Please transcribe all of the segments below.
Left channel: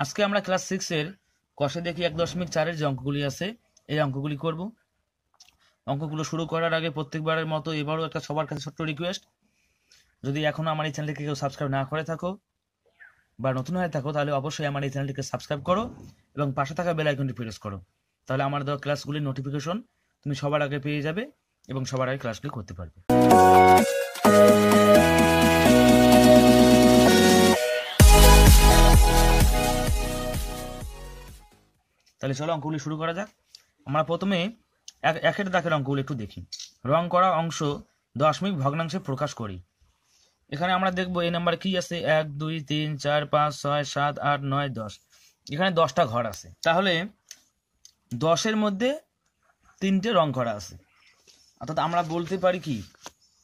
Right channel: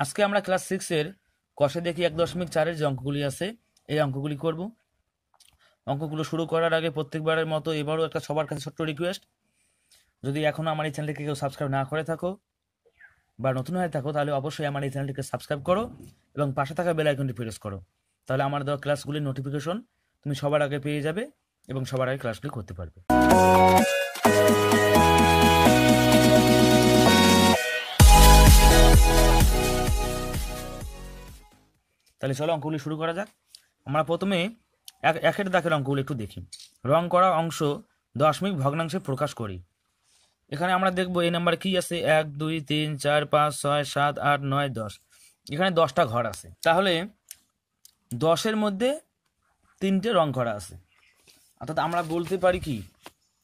আজকে আমরা ক্লাস 6 এর কষে দেখি 1.4 এর যে অঙ্কগুলি আছে এই অঙ্কগুলি করব। অঙ্কগুলো শুরু করার আগে প্রত্যেকবারের মতো এবারও একটা সবার কাছে ছোট্ট রিকোয়েস্ট, যদি এখনো আমার এই চ্যানেলটিকে কেউ সাবস্ক্রাইব না করে থাকো বা নতুন হয়ে থাকো তাহলে অবশ্যই আমার এই চ্যানেলটিকে সাবস্ক্রাইব করো এবং পাশে থাকা বেল আইকনটি প্রেস করো। তাহলে আমার দেওয়া ক্লাসগুলির নোটিফিকেশন তুমি সবার আগে পেয়ে যাবে এবং সবার আগে ক্লাসগুলি করতে পারবে। তাহলে চলো অঙ্কগুলি শুরু করা যাক। আমরা প্রথমে একের দাগের অঙ্কগুলি একটু দেখি। রং করা অংশ দশমিক ভগ্নাংশে প্রকাশ করি। এখানে আমরা দেখবো এই নাম্বার কি আছে, 1 2 3 4 5 6 7 8 9 10। এখানে 10টা ঘর আছে, তাহলে 10-এর মধ্যে 3টে রং করা আছে। অর্থাৎ আমরা বলতে পারি কি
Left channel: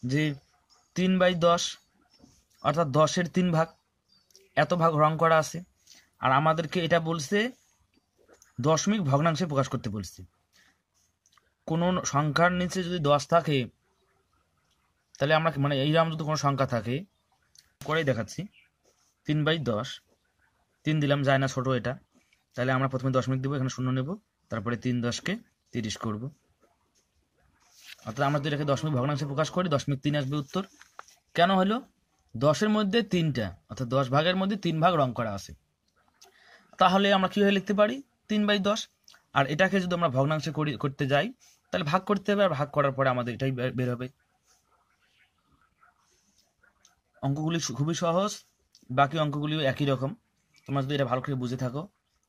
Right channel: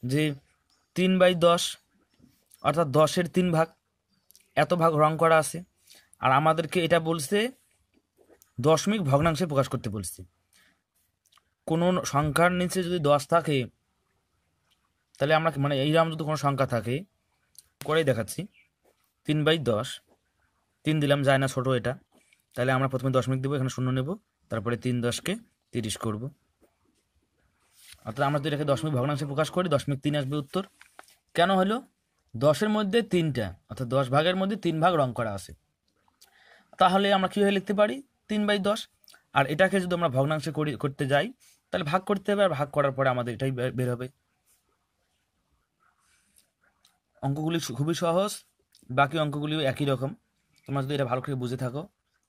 যে 3/10 অর্থাৎ 10-এর 3 ভাগ, এত ভাগ রং করা আছে। আর আমাদেরকে এটা বলছে দশমিক ভগ্নাংশে প্রকাশ করতে বলছে। কোনো সংখ্যার নিচে যদি 10 থাকে তাহলে আমরা মানে এইরকম যদি কোনো সংখ্যা থাকে করেই দেখাচ্ছি, 3/10, 3 দিলাম যায় না ছোট এটা, তাহলে আমরা প্রথমে দশমিক দেবো, এখানে 0 নেব, তারপরে 3 10-কে 30 করব। অর্থাৎ আমরা তো এটাকে দশমিক ভগ্নাংশে প্রকাশ করি, 0.3 আসবে উত্তর। কেন হলো? 10-এর মধ্যে 3টা অর্থাৎ 10 ভাগের মধ্যে 3 ভাগ রং করা আছে। তাহলে আমরা কীভাবে লিখতে পারি 3/10। আর এটাকে যদি আমরা ভগ্নাংশে করতে যাই তাহলে ভাগ করতে হবে, আর ভাগ করার পরে আমাদের এটাই বের হবে। অঙ্কগুলি খুবই সহজ, বাকি অঙ্কগুলিও একই রকম। তোমরা যদি এটা ভালো করে বুঝে থাকো,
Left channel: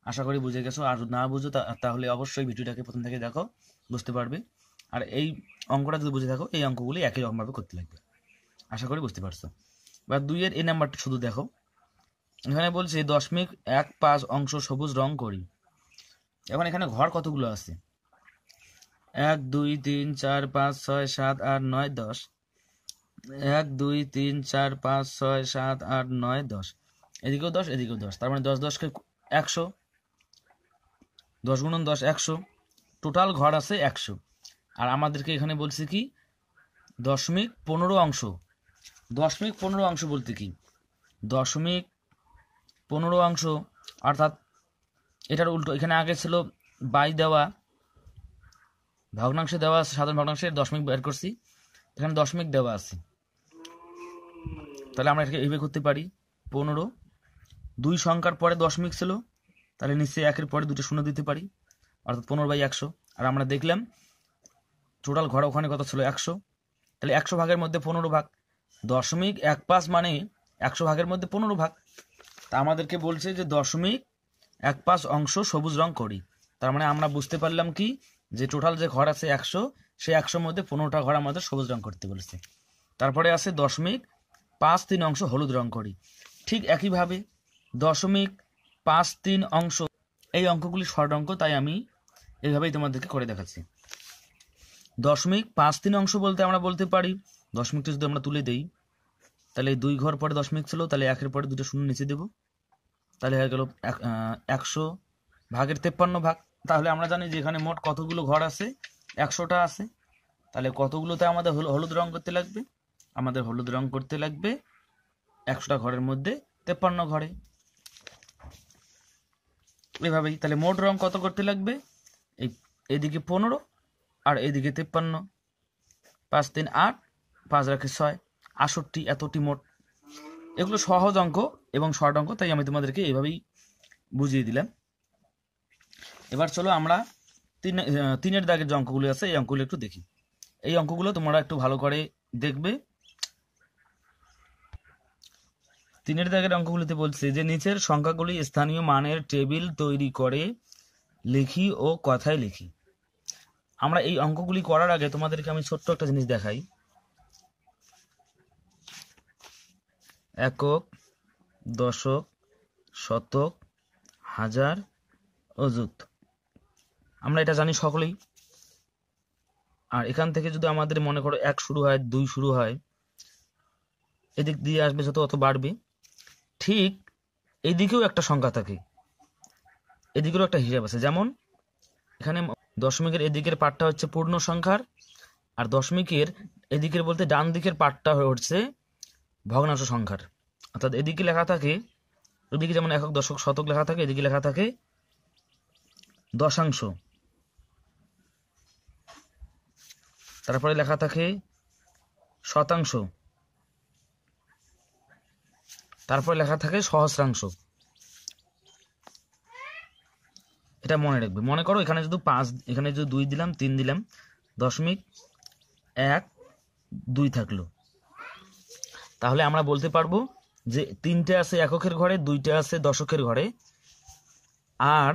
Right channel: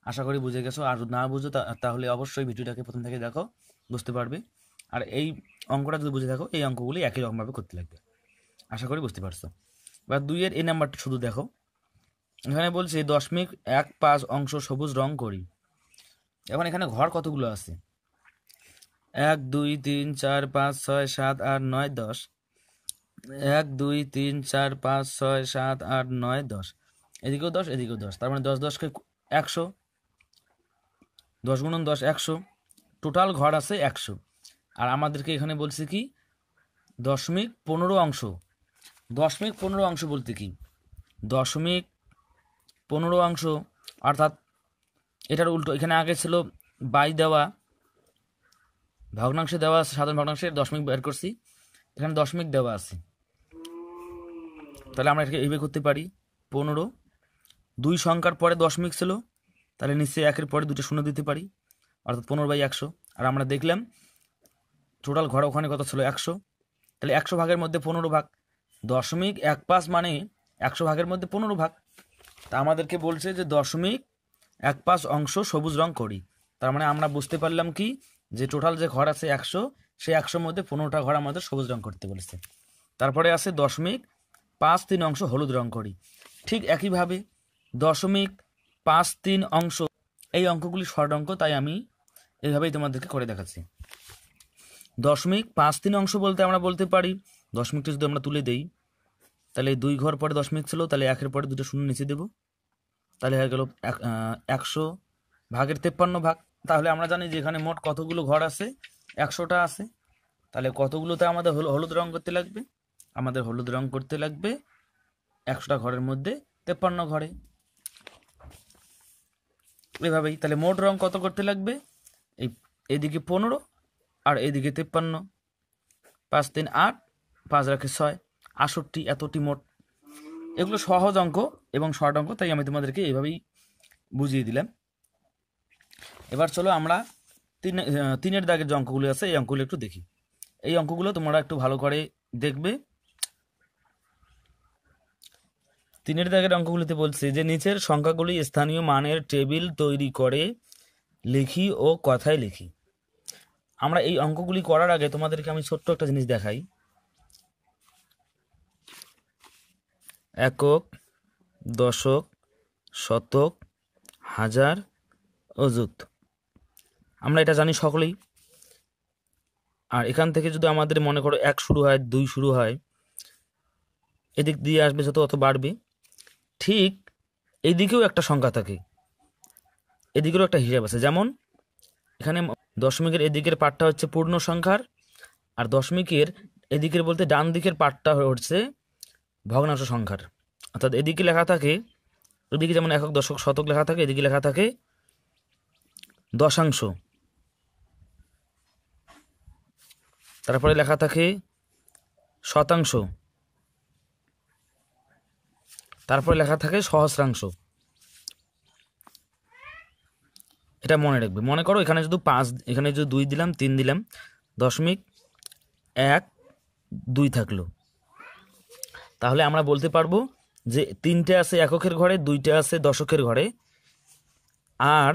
আশা করি বুঝে গেছো। আর যদি না বুঝো তাহলে অবশ্যই ভিডিওটাকে প্রথম থেকে দেখো, বুঝতে পারবে। আর এই অঙ্কটা যদি বুঝে থাকো এই অঙ্কগুলি একই রকমভাবে করতে লাগবে, আশা করি বুঝতে পারছো। এবার 2-এর এই নাম্বারটা শুধু দেখো। এখানে বলছে 0.15 অংশ সবুজ রং করি। এখন এখানে ঘর কতগুলো আছে? 1 2 3 4 5 6 7 8 9 10। 1 2 3 4 5 6 7 8 9 10, এদিকেও 10 এদিকেও 10, তার মানে 10 10-কে 100, 10 × 10 100, টোটাল ঘর আছে 100। আর আমাদেরকে এখানে বলছে কি 0.15 অংশ। 0.15 অংশ বলতে কি 0.15 অংশ অর্থাৎ এটার উল্টো। এখানে আগে ছিল বাই দেওয়া, ভগ্নাংশে দেওয়া আছে, সাধারণ ভগ্নাংশে দশমিক বের করছি, এখানে দশমিক দেওয়া আছে। তাহলে আমরা এটাকে এইভাবে করতে পারি 15, 2 সংখ্যার পরে দশমিক ছিল, তাহলে নিশ্চয়ই 1-এর পরে 2টা শূন্য দিতে পারি, অর্থাৎ 15/100। আর আমরা দেখলাম টোটাল ঘর ওখানে কত ছিল 100, তাহলে 100 ভাগের মধ্যে 15 ভাগ, 0.15 মানে 100 ভাগের মধ্যে 15 ভাগ। তা আমাদেরকে বলছে যে 0.15 অংশ সবুজ রং করি। তার মানে আমরা বুঝতে পারলাম কি যে টোটাল যে ঘর আছে 100, সেই 100-র মধ্যে 15টা ঘর আমাদের সবুজ রং করতে বলেছে। তারপরে আছে 0.53 অংশ হলুদ রং করি। ঠিক একইভাবে 0.53 অংশ, এই অঙ্কগুলি শর্ট অঙ্ক, তাই আমি এইভাবেই তোমাদেরকে করে দেখাচ্ছি। 0.53 অংশ বলতে আমরা বলতে পারি দশমিকটা যদি আমরা তুলে দেই, তাহলে 2 ঘর পরে দশমিক ছিল, তাহলে 1-এর পরে 2টা শূন্য নিচে দেবো, তাহলে হয়ে গেল 100 ভাগের 53 ভাগ। তাহলে আমরা জানি যে এখানে মোট কতগুলো ঘর আছে, 100টা আছে। তাহলে কতগুলোতে আমাদের হলুদ রং করতে লাগবে? আমাদের হলুদ রং করতে লাগবে 100টা ঘরের মধ্যে 53 ঘরে, এভাবেই। তাহলে মোট রং কত করতে লাগবে? এদিকে 15 আর এদিকে 53, 5 3 8, 5 রাখে 6, 68, এতটি মোট। এগুলো সহজ অঙ্ক এবং শর্ট অঙ্ক, তাই আমি তোমাদেরকে এইভাবেই বুঝিয়ে দিলাম। এবার চলো আমরা 3-এর দাগের যে অঙ্কগুলো আছে এই অঙ্কগুলো একটু দেখি। এই অঙ্কগুলো তোমরা একটু ভালো করে দেখবে। 3-এর দাগের অঙ্কগুলিতে বলছে যে নিচের সংখ্যাগুলি স্থানীয় মানের টেবিল তৈরি করে লিখি ও কথায় লিখি। আমরা এই অঙ্কগুলি করার আগে তোমাদেরকে আমি ছোট্ট একটা জিনিস দেখাই। একক, দশক, শতক, হাজার, অযুত, আমরা এটা জানি সকলেই। আর এখান থেকে যদি আমাদের মনে করো 1 শুরু হয়, 2 শুরু হয়, এদিক দিয়ে আসবে যত অত বাড়বে। ঠিক এইদিকেও একটা সংখ্যা থাকে, এদিকেরও একটা হিসাব আছে। যেমন এখানে দশমিকের এদিকের পার্টটা হচ্ছে পূর্ণ সংখ্যার, আর দশমিকের এদিকের বলতে ডান দিকের পার্টটা হচ্ছে ভগ্নাংশ সংখ্যার। অর্থাৎ এদিকে লেখা থাকে ওইদিকে যেমন একক, দশক, শতক লেখা থাকে, এদিকে লেখা থাকে দশাংশ, তারপরে লেখা থাকে শতাংশ, তারপরে লেখা থাকে সহস্রাংশ। এটা মনে রাখবে। মনে করো এখানে যদি 5, এখানে যদি 2 দিলাম, 3 দিলাম, 0.12 থাকলো, তাহলে আমরা বলতে পারবো যে 3টে আছে এককের ঘরে, 2টে আছে দশকের ঘরে, আর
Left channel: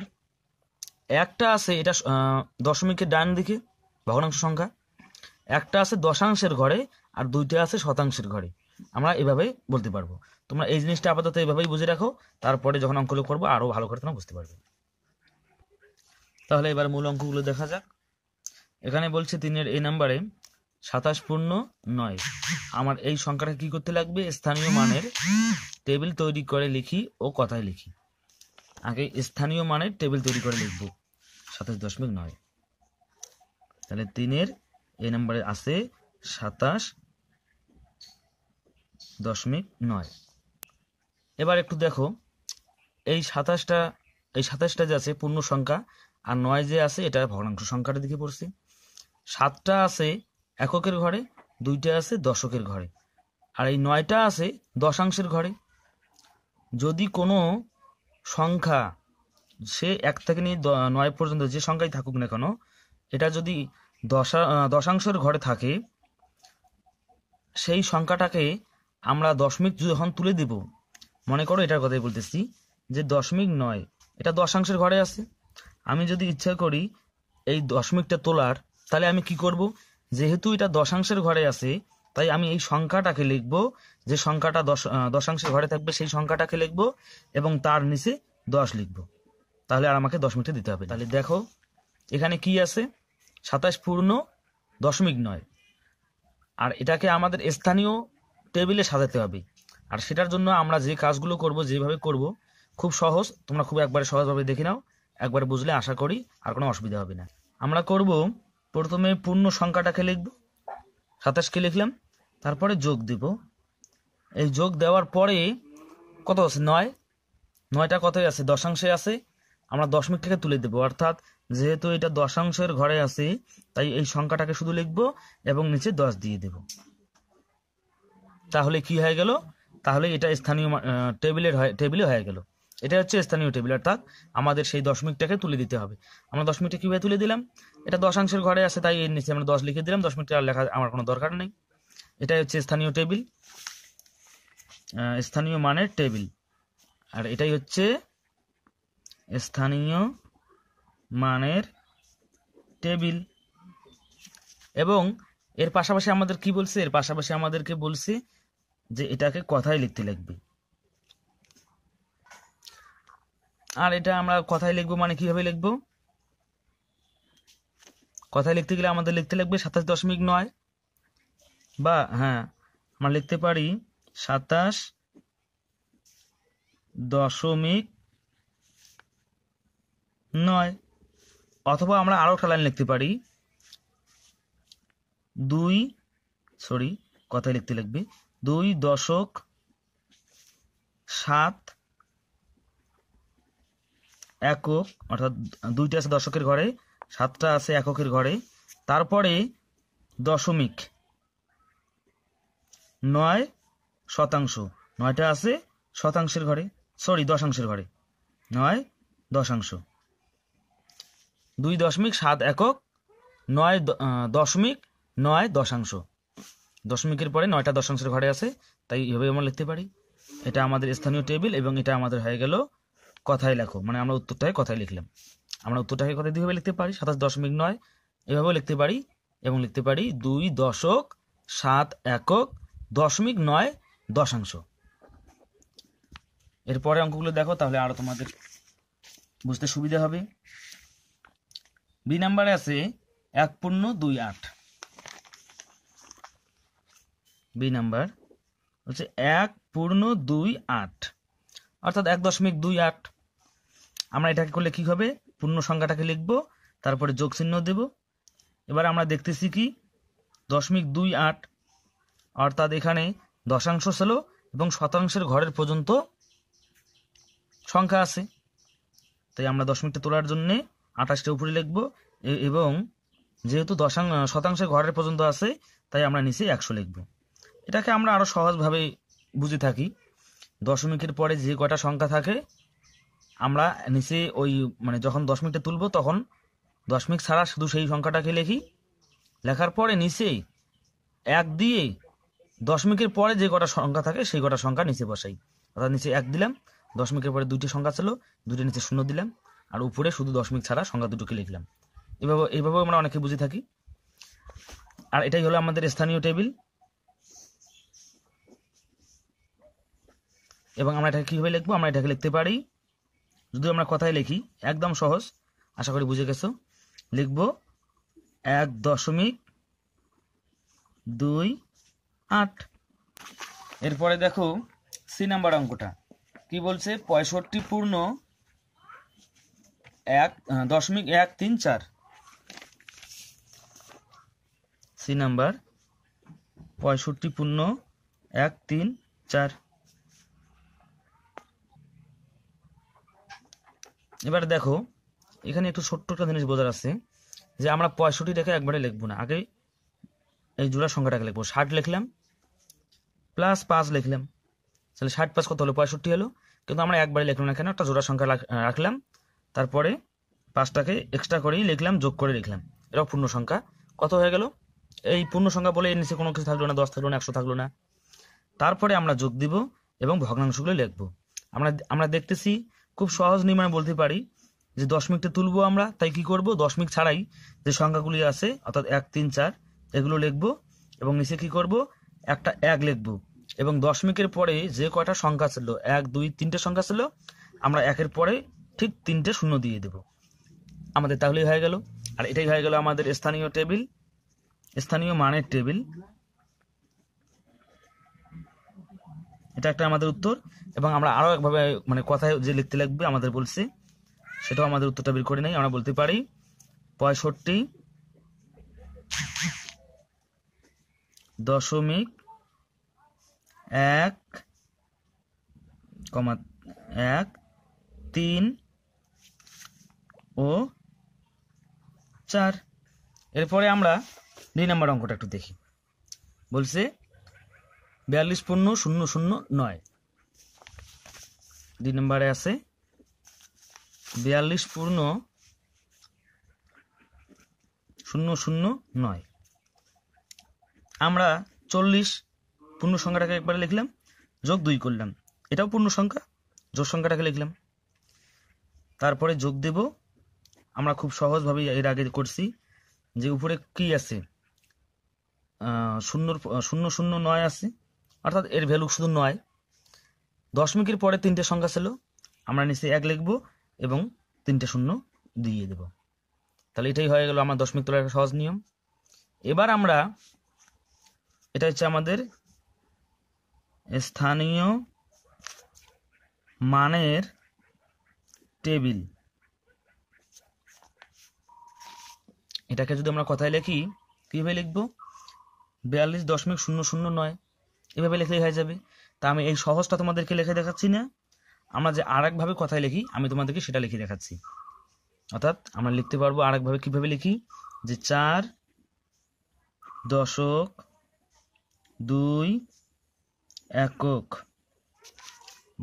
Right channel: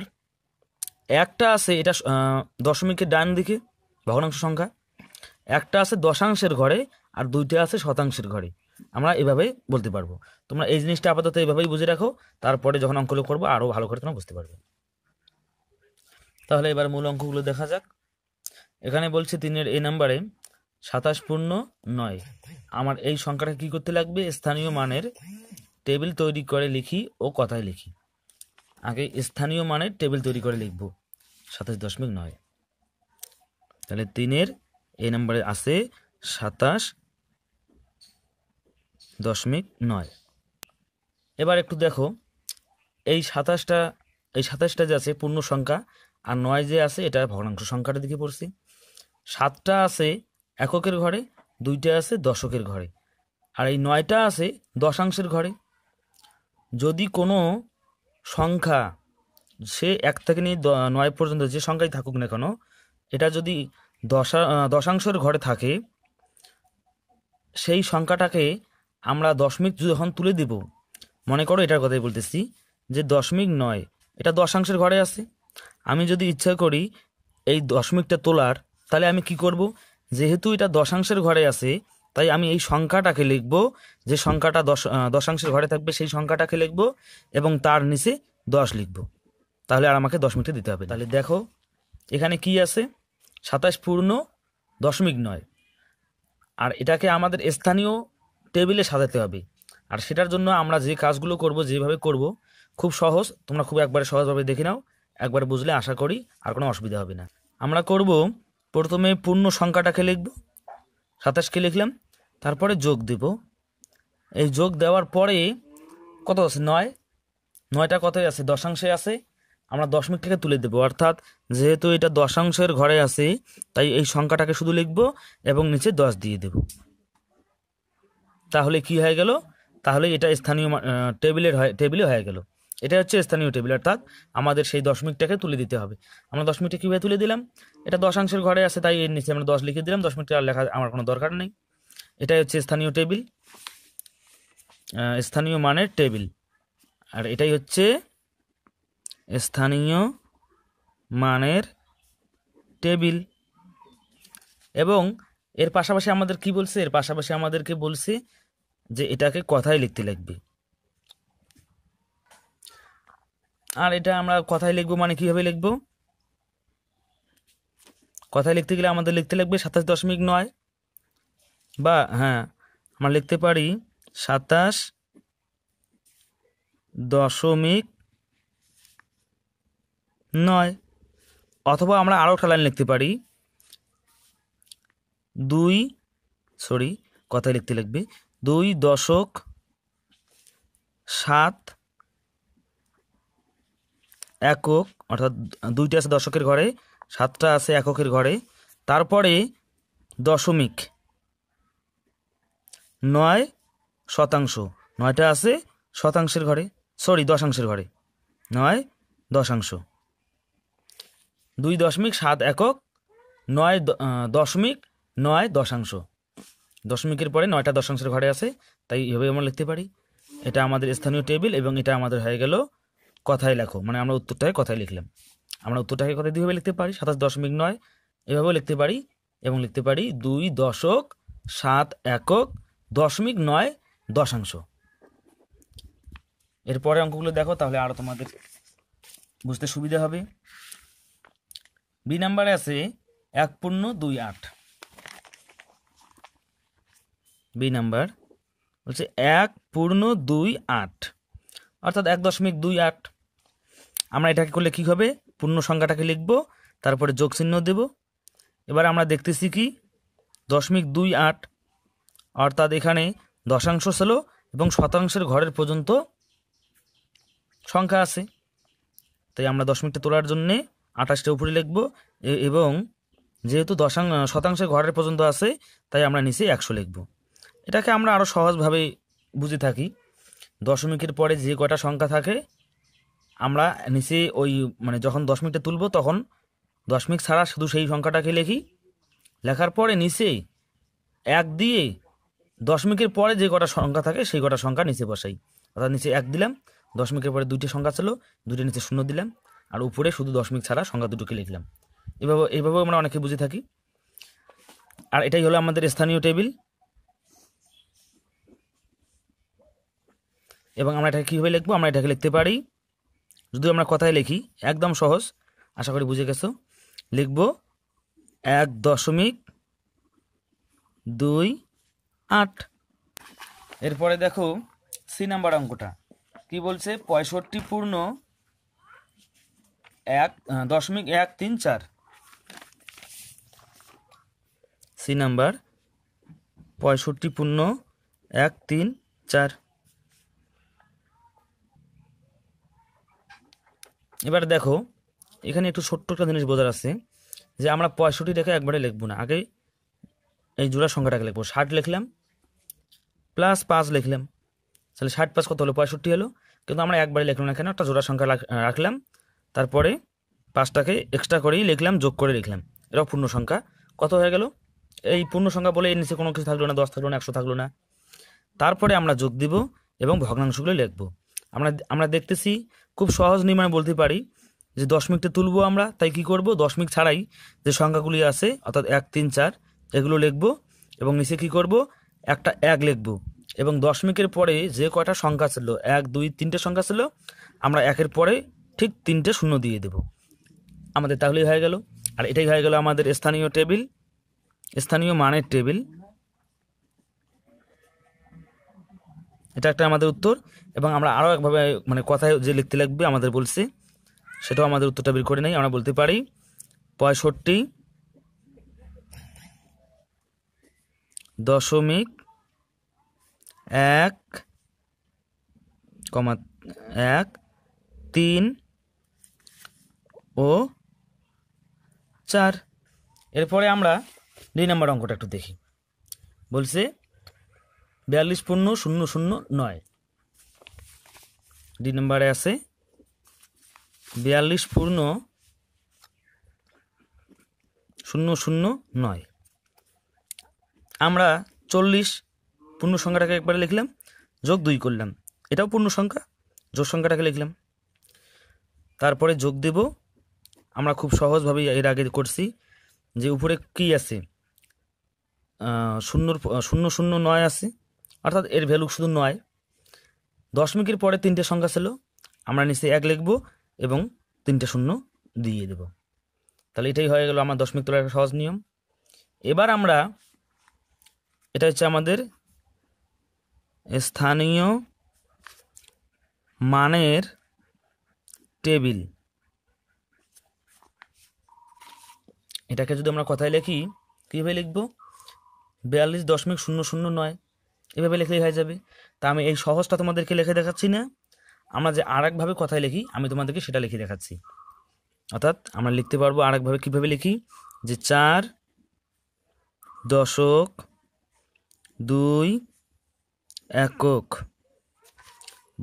একটা আছে এটা দশমিকের ডান দিকে ভগ্নাংশ সংখ্যা, একটা আছে দশাংশের ঘরে, আর 2টে আছে শতাংশের ঘরে। আমরা এভাবে বলতে পারবো। তোমরা এই জিনিসটা আপাতত এভাবেই বুঝে রাখো, তারপরে যখন অঙ্কগুলো করবো আরও ভালো করে তোমরা বুঝতে পারবে। তাহলে এবার মূল অঙ্কগুলো দেখা যাক। এখানে বলছে 3-এর এই নাম্বারে 27 পূর্ণ 9। আমার এই সংখ্যাটা কি করতে লাগবে? স্থানীয় মানের টেবিল তৈরি করে লিখি ও কথায় লিখি। আগে স্থানীয় মানের টেবিল তৈরি করে লিখব 27.9। তাহলে 3-এর এই নাম্বারে আছে 27.9। এবার একটু দেখো, এই 27টা যে আছে পূর্ণ সংখ্যা, আর 9 যে আছে এটা ভগ্নাংশ সংখ্যাটা দিকে পড়ছি। 7টা আছে এককের ঘরে, 2টা আছে দশকের ঘরে, আর এই 9টা আছে দশাংশের ঘরে। যদি কোনো সংখ্যা সে 1 থেকে নিয়ে 9 পর্যন্ত যে সংখ্যাই থাকুক না কেন, এটা যদি দশাংশের ঘরে থাকে, সেই সংখ্যাটাকে আমরা দশমিক যখন তুলে দিব, মনে করো এটার কথাই বলতেছি যে 0.9 এটা দশাংশের ঘরে আছে। আমি যদি ইচ্ছা করি এই দশমিকটা তোলার, তাহলে আমি কি করব? যেহেতু এটা দশাংশের ঘরে আছে, তাই আমি এই সংখ্যাটাকে লিখব, যে সংখ্যাটা দশাংশের ঘরে থাকবে সেই সংখ্যাটাকে লিখব এবং তার নিচে 10 লিখব। তাহলে আর আমাকে দশমিকটা দিতে হবে। তাহলে দেখো এখানে কি আছে? 27 পূর্ণ 0.9, আর এটাকে আমাদের স্থানীয় টেবিলে সাজাতে হবে। আর সেটার জন্য আমরা যে কাজগুলো করব, যেভাবে করব, খুব সহজ। তোমরা খুব একবারে সহজভাবে দেখে নাও, একবার বুঝলে আশা করি আর কোনো অসুবিধা হবে না। আমরা করব প্রথমে পূর্ণ সংখ্যাটাকে লিখব, 27কে লিখলাম, তারপরে যোগ দেব। এই যোগ দেওয়ার পরে কত আছে? 9। 9টা কতই আছে? দশাংশে আছে। আমরা দশমিকটাকে তুলে দেব, অর্থাৎ যেহেতু এটা দশাংশের ঘরে আছে, তাই এই সংখ্যাটাকে শুধু লিখব এবং নিচে 10 দিয়ে দেব। তাহলে কি হয়ে গেল? তাহলে এটা স্থানীয় টেবিলে হয়ে গেল। এটা হচ্ছে স্থানীয় টেবিল, অর্থাৎ আমাদের সেই দশমিকটাকে তুলে দিতে হবে। আমরা দশমিকটা কীভাবে তুলে দিলাম? এটা দশাংশের ঘরে আছে, তাই এর নিচে আমরা 10 লিখে দিলাম। দশমিকটা আর লেখা আমার কোনো দরকার নেই। এটাই হচ্ছে স্থানীয় টেবিল, স্থানীয় মানের টেবিল, আর এটাই হচ্ছে স্থানীয় মানের টেবিল। এবং এর পাশাপাশি আমাদের কি বলছে? এর পাশাপাশি আমাদেরকে বলছে যে এটাকে কথায় লিখতে লাগবে। আর এটা আমরা কথায় লিখবো মানে কিভাবে লিখবো? কথায় লিখতে গেলে আমাদের লিখতে লাগবে 27.9, বা হ্যাঁ আমরা লিখতে পারি 27.9, অথবা আমরা আরও একটা লাইন লিখতে পারি কথায় লিখতে লাগবে 2.7 একক, অর্থাৎ 2টা আছে দশকের ঘরে, 7টা আছে এককের ঘরে, তারপরে 0.9 শতাংশ। 9টা আছে শতাংশের ঘরে, দশাংশের ঘরে, 9 দশাংশ। 2.7 একক, 9.9 দশাংশ। দশমিকের পরে 9টা দশাংশের ঘরে আছে, তাই এভাবে আমরা লিখতে পারি। এটা আমাদের স্থানীয় টেবিল, এবং এটা আমাদের হয়ে গেল কথায় লেখো, মানে আমরা উত্তরটাকে কথায় লিখলাম। আমরা উত্তরটাকে কথায় কীভাবে লিখতে পারি? 27.9 এভাবেও লিখতে পারি, এবং লিখতে পারি 2.7 একক 0.9 দশাংশ। এরপরে অঙ্কগুলো দেখো, তাহলে আরো তোমাদের বুঝতে সুবিধা হবে। বি নাম্বারে আছে 1.28। বি নাম্বার বলছে 1.28, অর্থাৎ 1.28। আমরা এটাকে করলে কি হবে? পূর্ণ সংখ্যাটাকে লিখব, তারপরে যোগ চিহ্ন দেব। এবার আমরা দেখতেছি কি 0.28, অর্থাৎ এখানে দশাংশ ছিল এবং শতাংশের ঘরের পর্যন্ত সংখ্যা আছে, তাই আমরা দশমিকটা তোলার জন্যে 28টা উপরে লিখবো, এবং যেহেতু শতাংশের ঘরের পর্যন্ত আছে তাই আমরা নিচে 100 লিখবো। এটাকে আমরা আরও সহজভাবে বুঝে থাকি, দশমিকের পরে যে কটা সংখ্যা থাকে আমরা নিচে ওই মানে যখন দশমিকটা তুলবো তখন দশমিক ছাড়া শুধু সেই সংখ্যাটাকে লিখি, লেখার পরে নিচে 1 দিয়ে দশমিকের পরে যে কটা সংখ্যা থাকে সেই কটা সংখ্যা নিচে বসাই। অর্থাৎ নিচে 1 দিলাম, দশমিকের পরে 2টি সংখ্যা ছিল, 2টি নিচে 0 দিলাম, আর উপরে শুধু দশমিক ছাড়া সংখ্যা দুটোকে লিখলাম। এইভাবে আমরা অনেকে বুঝে থাকি। আর এটাই হলো আমাদের স্থানীয় টেবিল। এবং আমরা এটাকে কীভাবে লিখবো, আমরা এটাকে লিখতে পারি, যদি আমরা কথায় লিখি, একদম সহজ, আশা করি বুঝে গেছো। লিখবো 1.28। এরপরে দেখো সি নাম্বার অঙ্কটা কি বলছে, 65 পূর্ণ 1.134। সি নাম্বার 65 পূর্ণ 134। এবার দেখো এখানে একটু ছোট্ট একটা জিনিস বোঝার আছে, যে আমরা 65টাকে একবারে লিখবো না, আগে এই জোড়া সংখ্যাটাকে লিখবো। 60 লিখলাম প্লাস 5 লিখলাম, তাহলে 60 প্লাস কত হলো, 65 হলো। কিন্তু আমরা একবারে লিখলাম না, এখানে একটা জোড়া সংখ্যা রাখলাম, তারপরে 5টাকে এক্সট্রা করেই লিখলাম, যোগ করে লিখলাম, এটাও পূর্ণ সংখ্যা। কত হয়ে গেল, এই পূর্ণ সংখ্যা বলে এর নিচে কোনো কিছু থাকলো না, 10 থাকলো না, 100 থাকলো না। তারপরে আমরা যোগ দিব এবং ভগ্নাংশগুলো লিখবো। আমরা দেখতেছি খুব সহজ নিয়মে বলতে পারি যে দশমিকটা তুলবো আমরা, তাই কি করব, দশমিক ছাড়াই যে সংখ্যাগুলি আছে অর্থাৎ 1, 3, 4 এগুলো লিখবো, এবং নিচে কি করব, একটা 1 লিখবো, এবং দশমিকের পরে যে কয়টা সংখ্যা ছিল 1, 2, 3টে সংখ্যা ছিল আমরা 1-এর পরে ঠিক 3টে শূন্য দিয়ে দেব, আমাদের তাহলেই হয়ে গেল। আর এটাই হয়ে গেল আমাদের স্থানীয় টেবিল, স্থানীয় মানের টেবিল। এটা একটা আমাদের উত্তর। এবং আমরা আরও একভাবে মানে কথায় যে লিখতে লাগবে আমাদের বলছে, সেটাও আমাদের উত্তরটা বের করে নেই। আমরা বলতে পারি 65.1.3 ও 4। এরপরে আমরা 2 নম্বর অঙ্কটা একটু দেখি। বলছে 42 পূর্ণ 009। 2 নম্বরে আছে 42 পূর্ণ 009। আমরা 40 পূর্ণ সংখ্যাটাকে একবারে লিখলাম, যোগ 2 করলাম, এটাও পূর্ণ সংখ্যা, যোগ সংখ্যাটাকে লিখলাম, তারপরে যোগ দেব। আমরা খুব সহজভাবে এর আগে করছি, যে উপরে কি আছে 009 আছে, অর্থাৎ এর ভ্যালু শুধু 9। দশমিকের পরে 3টে সংখ্যা ছিল, আমরা নিচে 1 লিখব এবং 3টে শূন্য দিয়ে দেব। তাহলে এটাই হয়ে গেল আমার দশমিক তোলার একটা সহজ নিয়ম। এবার আমরা, এটা হচ্ছে আমাদের স্থানীয় মানের টেবিল। এটাকে যদি আমরা কথায় লিখি, কীভাবে লিখব, 42.009 এভাবে লিখলেই হয়ে যাবে। তা আমি এই সহজটা তোমাদেরকে লিখে দেখাচ্ছি না, আমরা যে আরেকভাবে কথায় লিখি আমি তোমাদেরকে সেটা লিখে দেখাচ্ছি। অর্থাৎ আমরা লিখতে পারবো আরেকভাবে, কীভাবে লিখি, যে 4.2 একক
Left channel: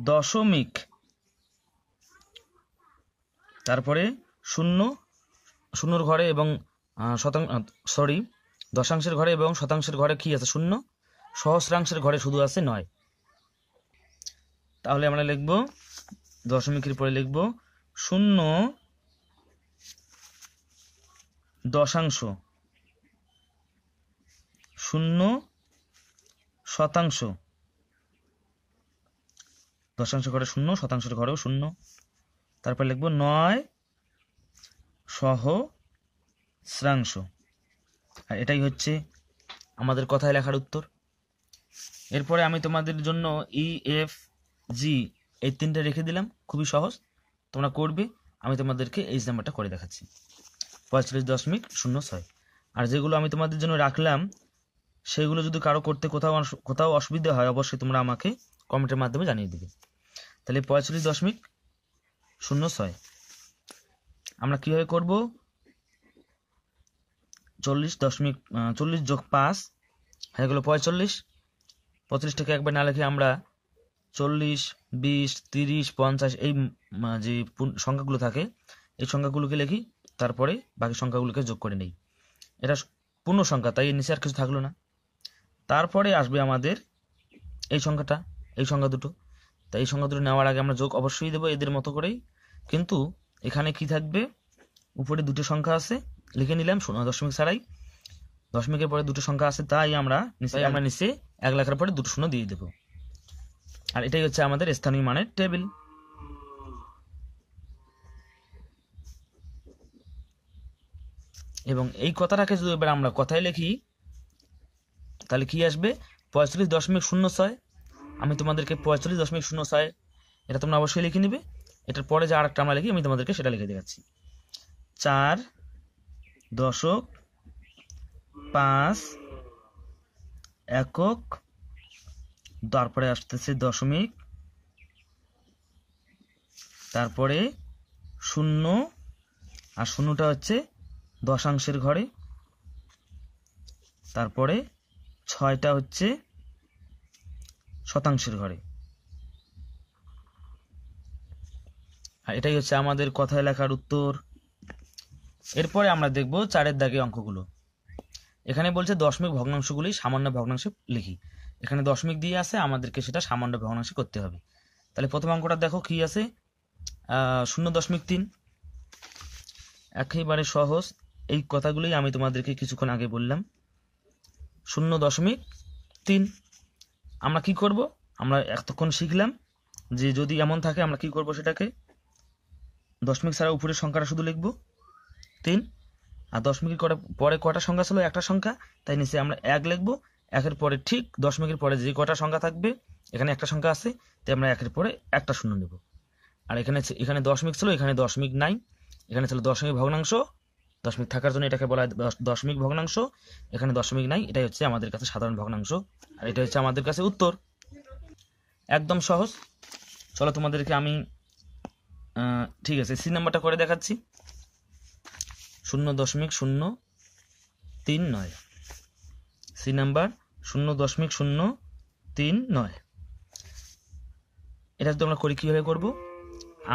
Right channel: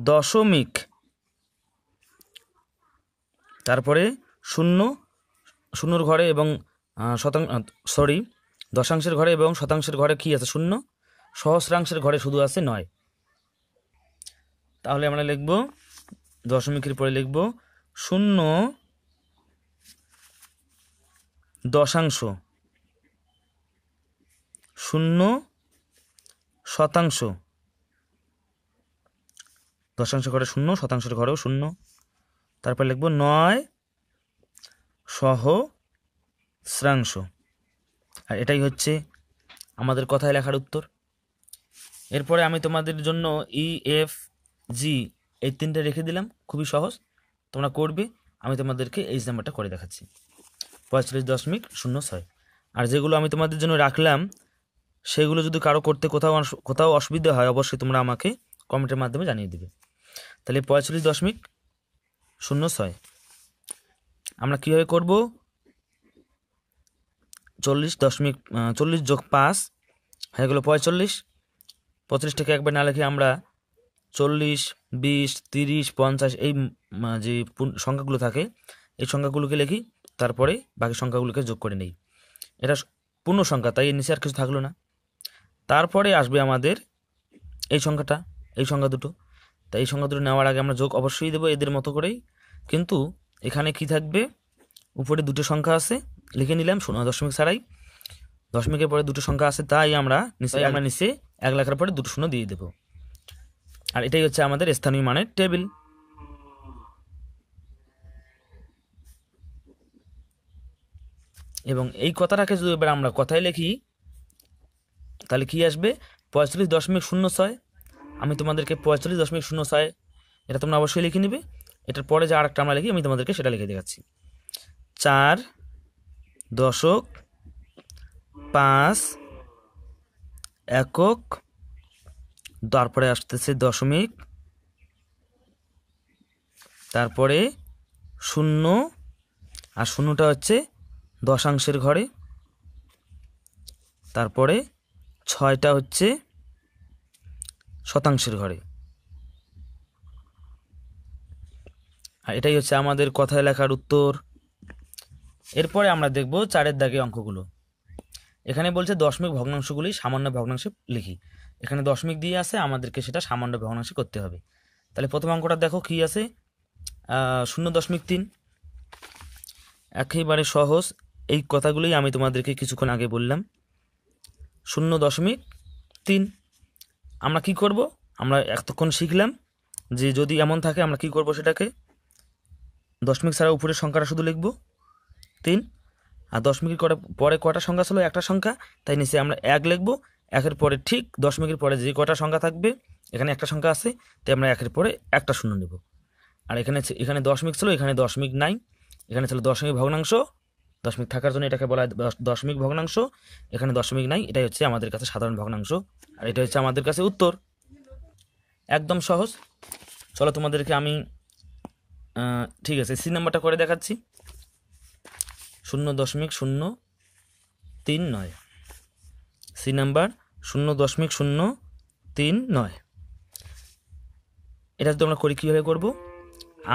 দশমিক, তারপরে শূন্যর ঘরে এবং দশাংশের ঘরে এবং শতাংশের ঘরে কি আছে 0, সহস্রাংশের ঘরে শুধু আছে 9। তাহলে আমরা লিখব দশমিকের পরে লিখব 0 দশাংশ, 0 শতাংশ, দশাংশ ঘরে 0, শতাংশের ঘরেও 0, তারপর লিখব 9 সহস্রাংশ। আর এটাই হচ্ছে আমাদের কথায় লেখার উত্তর। এরপরে আমি তোমাদের জন্য EFG এই 3টে রেখে দিলাম, খুবই সহজ, তোমরা করবে। আমি তোমাদেরকে এই নাম্বারটা করে দেখাচ্ছি 45.06। আর যেগুলো আমি তোমাদের জন্য রাখলাম সেগুলো যদি কারো করতে কোথাও অসুবিধা হয় অবশ্যই তোমরা আমাকে কমেন্টের মাধ্যমে জানিয়ে দেবে। তাহলে 45.06 0.06। আমরা কীভাবে করব? 40 যোগ 5 হয়ে গেল 45। 45টাকে একবার না লিখে আমরা 40, 20, 30, 50 এই যে সংখ্যাগুলো থাকে এই সংখ্যাগুলোকে লিখি, তারপরে বাকি সংখ্যাগুলোকে যোগ করে নেই। এটা পূর্ণ সংখ্যা, তাই এর নিচে আর কিছু থাকলো না। তারপরে আসবে আমাদের এই সংখ্যাটা, এই সংখ্যা দুটো। তাই এই সংখ্যা দুটো নেওয়ার আগে আমরা যোগ অবশ্যই দেবো এদের মতো করেই, কিন্তু এখানে কি থাকবে? উপরে দুটো সংখ্যা আছে, লিখে নিলাম দশমিক ছাড়াই। দশমিকের পরে দুটো সংখ্যা আছে, তাই আমরা নিচে 1 লেখার পরে দুটো শূন্য দিয়ে দেব। আর এটাই হচ্ছে আমাদের স্থানীয় মানের টেবিল। এবং এই কথাটাকে যদি এবার আমরা কথায় লিখি তাহলে কি আসবে? 45.06। আমি তোমাদেরকে 45.06 এটা তোমরা অবশ্যই লিখে নিবে। এটার পরে যে আরেকটা আমরা লিখি আমি তোমাদেরকে সেটা লিখে দেখাচ্ছি। 4.5 একক, তারপরে আসতেছে দশমিক, তারপরে 0, আর 0টা হচ্ছে দশাংশের ঘরে, তারপরে 6টা হচ্ছে শতাংশের ঘরে। আর এটাই হচ্ছে আমাদের কথায় লেখার উত্তর। এরপরে আমরা দেখব 4-এর দাগে অঙ্কগুলো। এখানে বলছে দশমিক ভগ্নাংশগুলি সামান্য ভগ্নাংশে লিখি। এখানে দশমিক দিয়ে আছে, আমাদেরকে সেটা সামান্য ভগ্নাংশে করতে হবে। তাহলে প্রথম অঙ্কটা দেখো কি আছে, 0.3। একেবারে সহজ, এই কথাগুলোই আমি তোমাদেরকে কিছুক্ষণ আগে বললাম। 0.3 আমরা কি করব? আমরা এতক্ষণ শিখলাম যে যদি এমন থাকে আমরা কি করব, সেটাকে দশমিক ছাড়া উপরের সংখ্যাটা শুধু লিখব 3, আর দশমিকের পরে কটা সংখ্যা ছিল? একটা সংখ্যা, তাই নিচে আমরা 1 লিখব। 1-এর পরে ঠিক দশমিকের পরে যে কটা সংখ্যা থাকবে, এখানে একটা সংখ্যা আছে, তাই আমরা 1-এর পরে একটা শূন্য নেব। আর এখানে দশমিক ছিল, এখানে দশমিক নাই। এখানে ছিল দশমিক ভগ্নাংশ, দশমিক থাকার জন্য এটাকে বলা হয় দশমিক ভগ্নাংশ। এখানে দশমিক নাই, এটাই হচ্ছে আমাদের কাছে সাধারণ ভগ্নাংশ, আর এটা হচ্ছে আমাদের কাছে উত্তর। একদম সহজ। চলো তোমাদেরকে আমি ঠিক আছে সি নাম্বারটা করে দেখাচ্ছি। 0.039 সি নাম্বার 0.039। এটা যদি আমরা করি কীভাবে করব?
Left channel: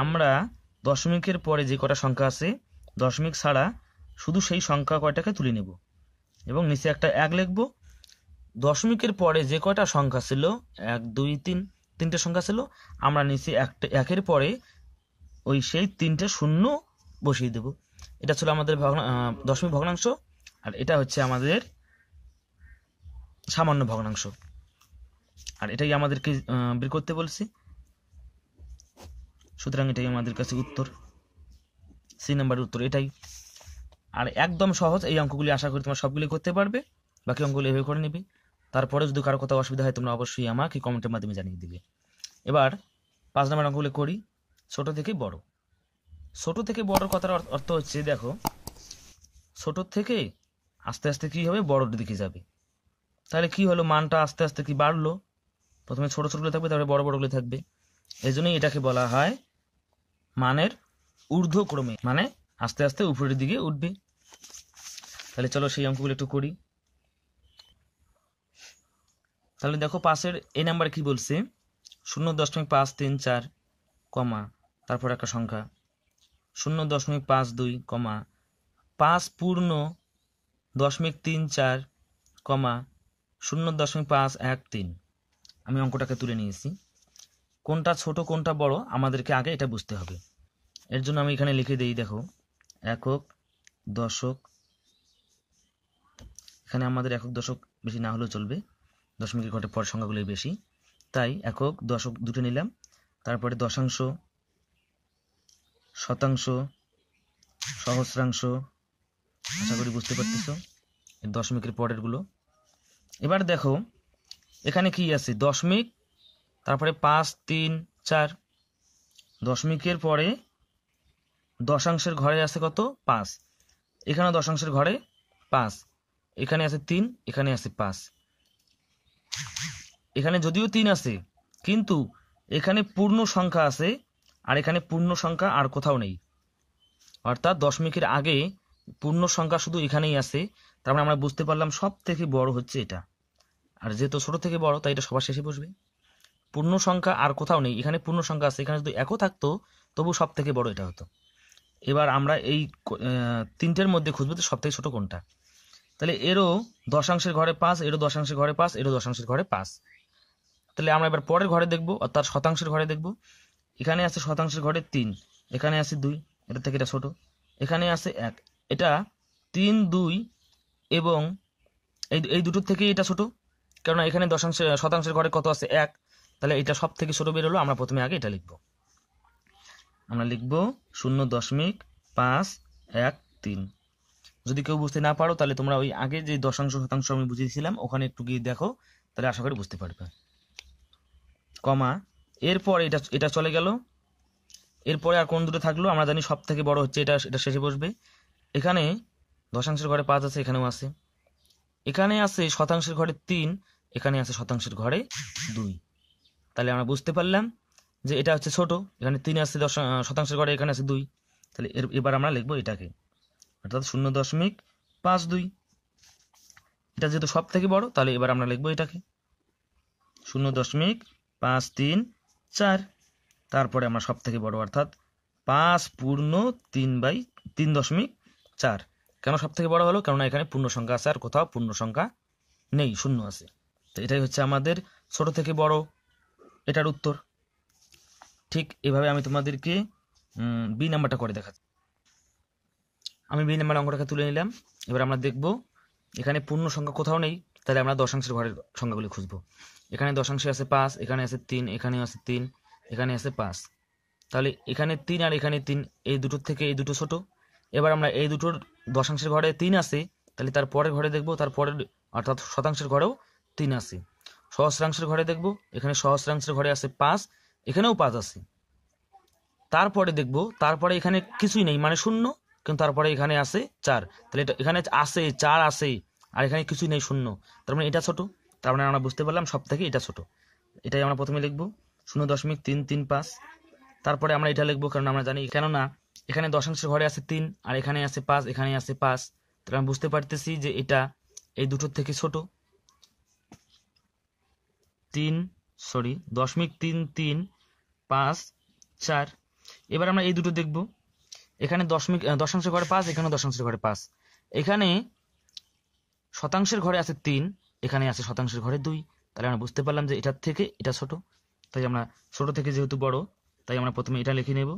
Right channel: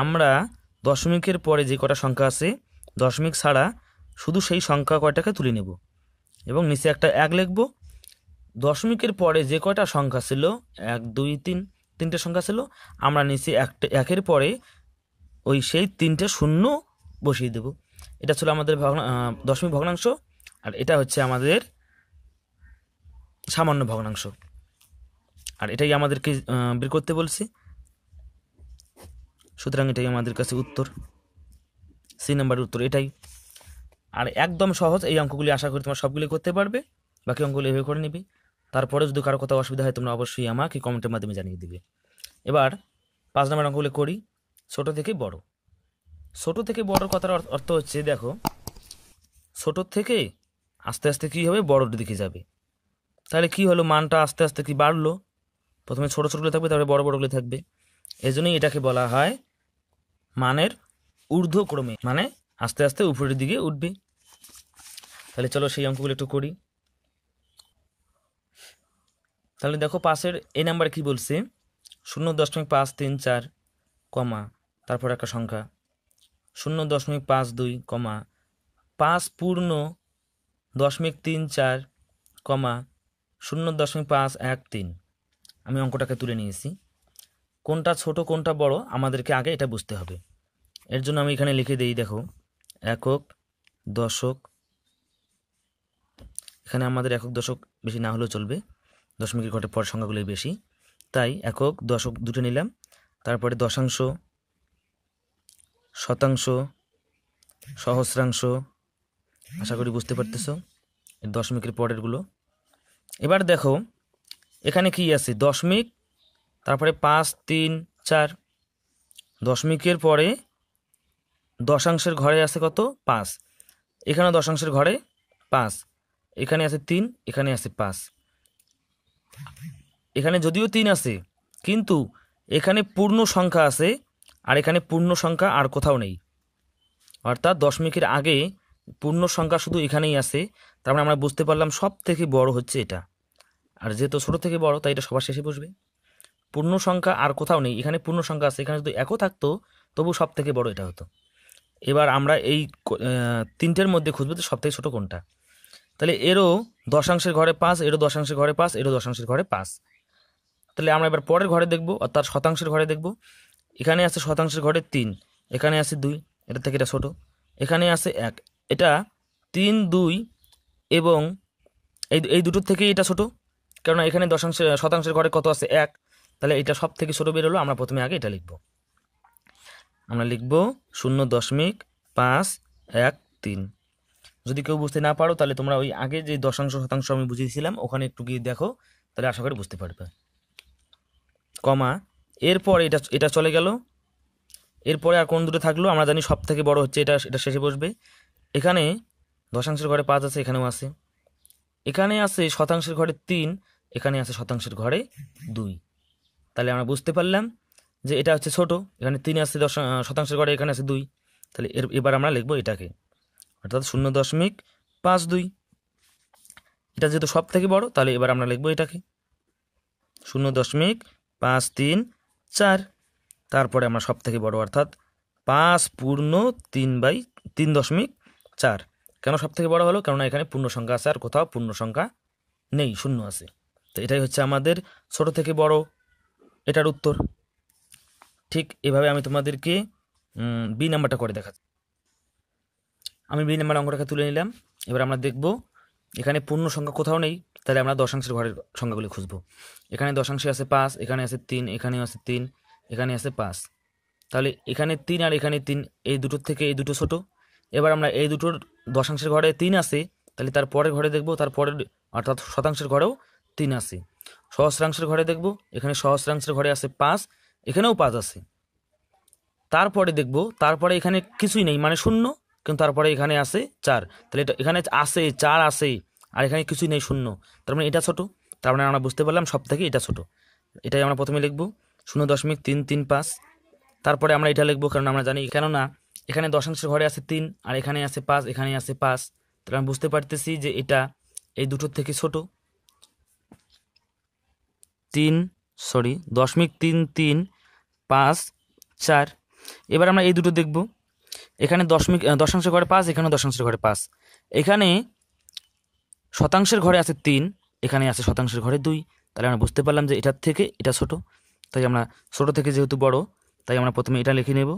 আমরা দশমিকের পরে যে কটা সংখ্যা আছে দশমিক ছাড়া শুধু সেই সংখ্যা কয়টাকে তুলে নেব এবং নিচে একটা 1 লিখব। দশমিকের পরে যে কয়টা সংখ্যা ছিল 1, 2, 3, 3টে সংখ্যা ছিল, আমরা নিচে 1-এর পরে ওই সেই 3টে শূন্য বসিয়ে দেব। এটা ছিল আমাদের দশমিক ভগ্নাংশ, আর এটা হচ্ছে আমাদের সামান্য ভগ্নাংশ, আর এটাই আমাদেরকে বের করতে বলছি। সুতরাং এটাই আমাদের কাছে উত্তর, সি নাম্বারের উত্তর এটাই। আর একদম সহজ, এই অঙ্কগুলি আশা করি তোমরা সবগুলি করতে পারবে। বাকি অঙ্কগুলি এভাবে করে নেবে। তারপরে যদি কারো কোথাও অসুবিধা হয় তোমরা অবশ্যই আমাকে কমেন্টের মাধ্যমে জানিয়ে দিবে। এবার 5 নম্বর অঙ্কগুলি করি। ছোট থেকে বড়। ছোট থেকে বড় কথার অর্থ হচ্ছে, দেখো ছোট থেকে আস্তে আস্তে কি হবে, বড়র দিকে যাবে। তাহলে কি হলো, মানটা আস্তে আস্তে কি বাড়লো? প্রথমে ছোট ছোটগুলো থাকবে, তারপরে বড় বড়গুলো থাকবে। এই জন্যই এটাকে বলা হয় মানের ঊর্ধ্বক্রমে, মানে আস্তে আস্তে উপরের দিকে উঠবে। তাহলে চলো সেই অঙ্কগুলো একটু করি। তাহলে দেখো 5-এর এই নাম্বার কি বলছে, 0.534 কমা তারপর একটা সংখ্যা 0.52 কমা 5 পূর্ণ 0.34 কমা 0.513। আমি অঙ্কটাকে তুলে নিয়েছি। কোনটা ছোট কোনটা বড় আমাদেরকে আগে এটা বুঝতে হবে। এর জন্য আমি এখানে লিখে দিই, দেখো একক, দশক। এখানে আমাদের একক দশক বেশি না হলেও চলবে, দশমিকের ঘটের পর সংখ্যাগুলোই বেশি, তাই একক দশক দুটো নিলাম। তারপরে দশাংশ, শতাংশ, সহস্রাংশ, আশা করি বুঝতে পারতেছ দশমিকের পরেরগুলো। এবার দেখো এখানে কি আছে, দশমিক, তারপরে 5, 3, 4। দশমিকের পরে দশাংশের ঘরে আছে কত? 5। এখানে দশাংশের ঘরে 5, এখানে আছে 3, এখানে আছে 5। এখানে যদিও 3 আছে, কিন্তু এখানে পূর্ণ সংখ্যা আছে আর এখানে পূর্ণ সংখ্যা আর কোথাও নেই, অর্থাৎ দশমিকের আগে পূর্ণ সংখ্যা শুধু এখানেই আছে। তার মানে আমরা বুঝতে পারলাম সব থেকে বড় হচ্ছে এটা, আর যেহেতু ছোট থেকে বড় তাই এটা সবার শেষে বসবে। পূর্ণ সংখ্যা আর কোথাও নেই, এখানে পূর্ণ সংখ্যা আছে, এখানে যদি একও থাকতো তবু সব থেকে বড় এটা হতো। এবার আমরা এই তিনটের মধ্যে খুঁজবো তো সব থেকে ছোট কোনটা। তাহলে এরও দশাংশের ঘরে 5, এরও দশাংশের ঘরে 5, এরও দশাংশের ঘরে 5। তাহলে আমরা এবার পরের ঘরে দেখব, অর্থাৎ শতাংশের ঘরে দেখব। এখানে আছে শতাংশের ঘরে 3, এখানে আছে 2, এটা থেকে এটা ছোট। এখানে আছে 1, এটা 3, 2 এবং এই দুটোর থেকে এটা ছোট, কারণ এখানে শতাংশের ঘরে কত আছে 1, তাহলে এটা সব থেকে ছোট বেরোলো। আমরা প্রথমে আগে এটা লিখব, আমরা লিখব 0.513। যদি কেউ বুঝতে না পারো তাহলে তোমরা ওই আগে যে দশাংশ শতাংশ আমি বুঝিয়েছিলাম ওখানে একটু গিয়ে দেখো, তাহলে আশা করি বুঝতে পারবে। কমা, এরপর এটা চলে গেল, এরপরে আর কোন দুটো থাকলো আমরা জানি সব থেকে বড় হচ্ছে এটা, এটা শেষে বসবে। এখানে দশাংশের ঘরে 5 আছে, এখানেও আছে। এখানে আছে শতাংশের ঘরে 3, এখানে আছে শতাংশের ঘরে 2। তাহলে আমরা বুঝতে পারলাম যে এটা হচ্ছে ছোট, এখানে 3 আছে শতাংশের ঘরে, এখানে আছে 2। তাহলে এবার আমরা লিখবো এটাকে, অর্থাৎ 0.52। এটা যেহেতু সব থেকে বড় তাহলে এবার আমরা লিখবো এটাকে 0.534। তারপরে আমরা সব থেকে বড় অর্থাৎ 5/3/3.4। কেন সব থেকে বড় হলো? কারণ এখানে পূর্ণ সংখ্যা আছে, আর কোথাও পূর্ণ সংখ্যা নেই, শূন্য আছে। তো এটাই হচ্ছে আমাদের ছোট থেকে বড় এটার উত্তর। ঠিক এভাবে আমি তোমাদেরকে বি নাম্বারটা করে দেখাচ্ছি। আমি বি নাম্বার অঙ্কটাকে তুলে নিলাম। এবার আমরা দেখব এখানে পূর্ণ সংখ্যা কোথাও নেই, তাহলে আমরা দশাংশের ঘরের সংখ্যাগুলি খুঁজব। এখানে দশাংশে আছে 5, এখানে আছে 3, এখানে আছে 3, এখানে আছে 5। তাহলে এখানে 3 আর এখানে 3, এই দুটোর থেকে এই দুটো ছোট। এবার আমরা এই দুটোর দশাংশের ঘরে 3 আছে, তাহলে তার পরের ঘরে দেখব, তারপরে অর্থাৎ শতাংশের ঘরেও 3 আছে। সহস্রাংশের ঘরে দেখব, এখানে সহস্রাংশের ঘরে আছে 5, এখানেও 5 আছে। তারপরে দেখব, তারপরে এখানে কিছুই নেই মানে শূন্য, কিন্তু তারপরে এখানে আছে 4, তাহলে এটা এখানে আছে 4 আছে, আর এখানে কিছুই নেই শূন্য, তার মানে এটা ছোট। তার মানে আমরা বুঝতে পারলাম সব থেকে এটা ছোট। এটাই আমরা প্রথমে লিখব 0.335। তারপরে আমরা এটা লিখবো, কারণ আমরা জানি কেননা এখানে দশাংশের ঘরে আছে 3, আর এখানে আছে 5, এখানে আছে 5, তাহলে আমরা বুঝতে পারতেছি যে এটা এই দুটোর থেকে ছোট। 0.335। এবার আমরা এই দুটো দেখব, এখানে দশাংশের ঘরে 5, এখানে দশাংশের ঘরে 5, এখানে শতাংশের ঘরে আছে 3, এখানে আছে শতাংশের ঘরে 2, তাহলে আমরা বুঝতে পারলাম যে এটার থেকে এটা ছোট। তাই আমরা ছোট থেকে যেহেতু বড়, তাই আমরা প্রথমে এটা লিখে নেব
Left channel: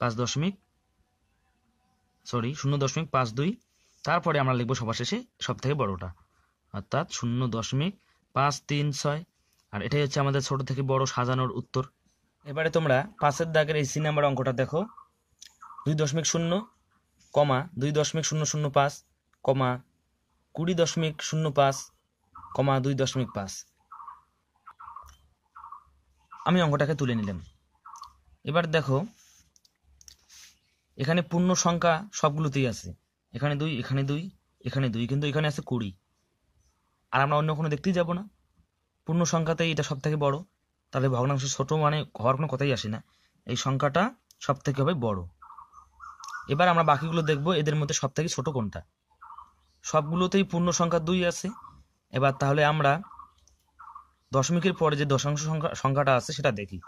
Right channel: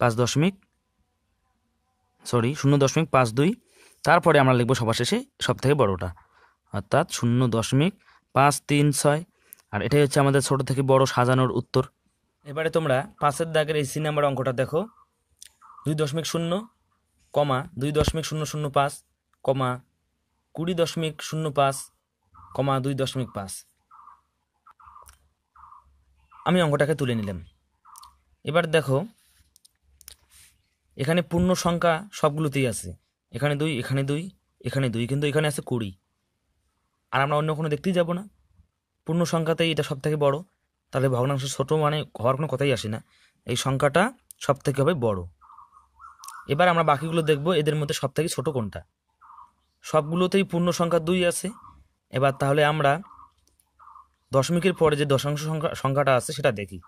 0.52। তারপরে আমরা লিখবো সবার শেষে সব থেকে বড়টা, অর্থাৎ 0.536। আর এটাই হচ্ছে আমাদের ছোট থেকে বড় সাজানোর উত্তর। এবারে তোমরা 5-এর দাগের এই সি নাম্বার অঙ্কটা দেখো। 2.0, 2.005, 20.05, 2.5। আমি অঙ্কটাকে তুলে নিলাম। এবার দেখো এখানে পূর্ণ সংখ্যা সবগুলোতেই আছে, এখানে 2, এখানে 2, এখানে 2, কিন্তু এখানে আছে 20, আর আমরা অন্য কোনো দেখতেই যাব না। পূর্ণ সংখ্যাতেই এটা সব থেকে বড়, তাহলে ভগ্নাংশ ছোট মানে হওয়ার কোনো কথাই আসে না, এই সংখ্যাটা সব থেকে হবে বড়। এবার আমরা বাকিগুলো দেখব, এদের মধ্যে সব থেকে ছোট কোনটা। সবগুলোতেই পূর্ণ সংখ্যা 2 আছে। এবার তাহলে আমরা দশমিকের পরে যে দশাংশ সংখ্যাটা আছে সেটা দেখি।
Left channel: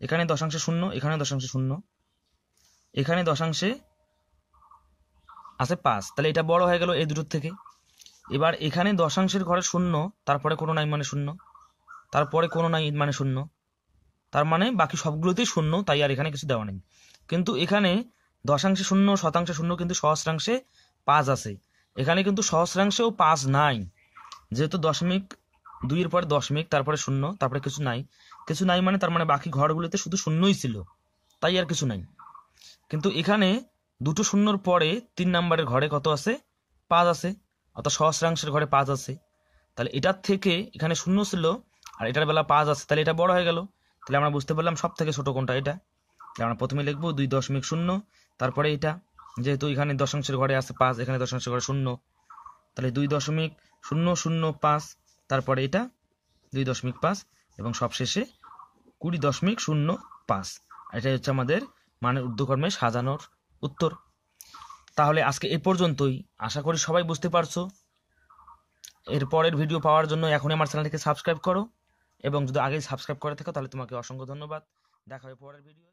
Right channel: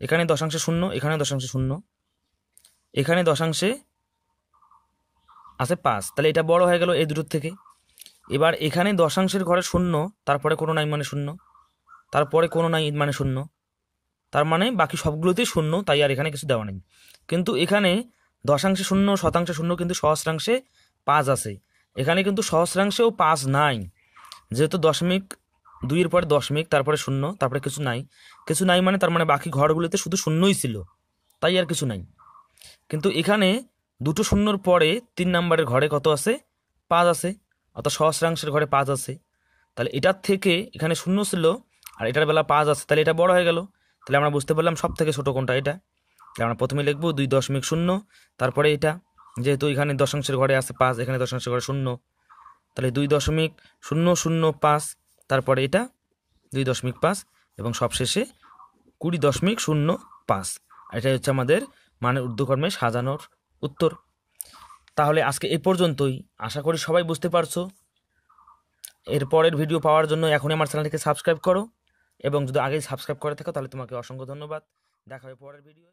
এখানে দশাংশে 0, এখানে দশাংশে 0, এখানে দশাংশে আছে 5, তাহলে এটা বড় হয়ে গেল এই দুটোর থেকে। এবার এখানে দশাংশের ঘরে 0, তারপরে কোনো নাই মানে 0, তারপরে কোনো নাই মানে 0, তার মানে বাকি সবগুলোতেই 0, তাই আর এখানে কিছু দেওয়া নেই। কিন্তু এখানে দশাংশে 0, শতাংশে 0, কিন্তু সহস্রাংশে 5 আছে। এখানে কিন্তু সহস্রাংশেও 5 নাই, যেহেতু দশমিক 2 এর পরে দশমিক, তারপরে 0, তারপরে কিছু নাই। কিছু নাই মানে তার মানে বাকি ঘরগুলোতে শুধু 0ই ছিল, তাই আর কিছু নাই। কিন্তু এখানে দুটো 0-র পরে 3 নাম্বারের ঘরে কত আছে? 5 আছে, অর্থাৎ সহস্রাংশের ঘরে 5 আছে। তাহলে এটার থেকে এখানে 0 ছিল আর এটার বেলা 5 আছে, তাহলে এটা বড় হয়ে গেল। তাহলে আমরা বুঝতে পারলাম সব থেকে ছোট কোনটা এটা। তাহলে আমরা প্রথমে লিখবো 2.0, তারপরে এটা, যেহেতু এখানে দশাংশের ঘরে আছে 5, এখানে দশাংশের ঘরে 0, তাহলে 2.005, তারপরে এটা 2.5 এবং সবশেষে 20.05। এটাই হচ্ছে আমাদের মানে ঊর্ধ্বকর্মে সাজানোর উত্তর। তাহলে আজকে এ পর্যন্তই, আশা করি সবাই বুঝতে পারছো। এর পরের ভিডিও পাওয়ার জন্য এখনই আমার চ্যানেলটিকে সাবস্ক্রাইব করো, এবং যদি আগেই সাবস্ক্রাইব করে থাকো তাহলে তোমাকে অসংখ্য ধন্যবাদ। দেখা হবে পরের ভিডিও।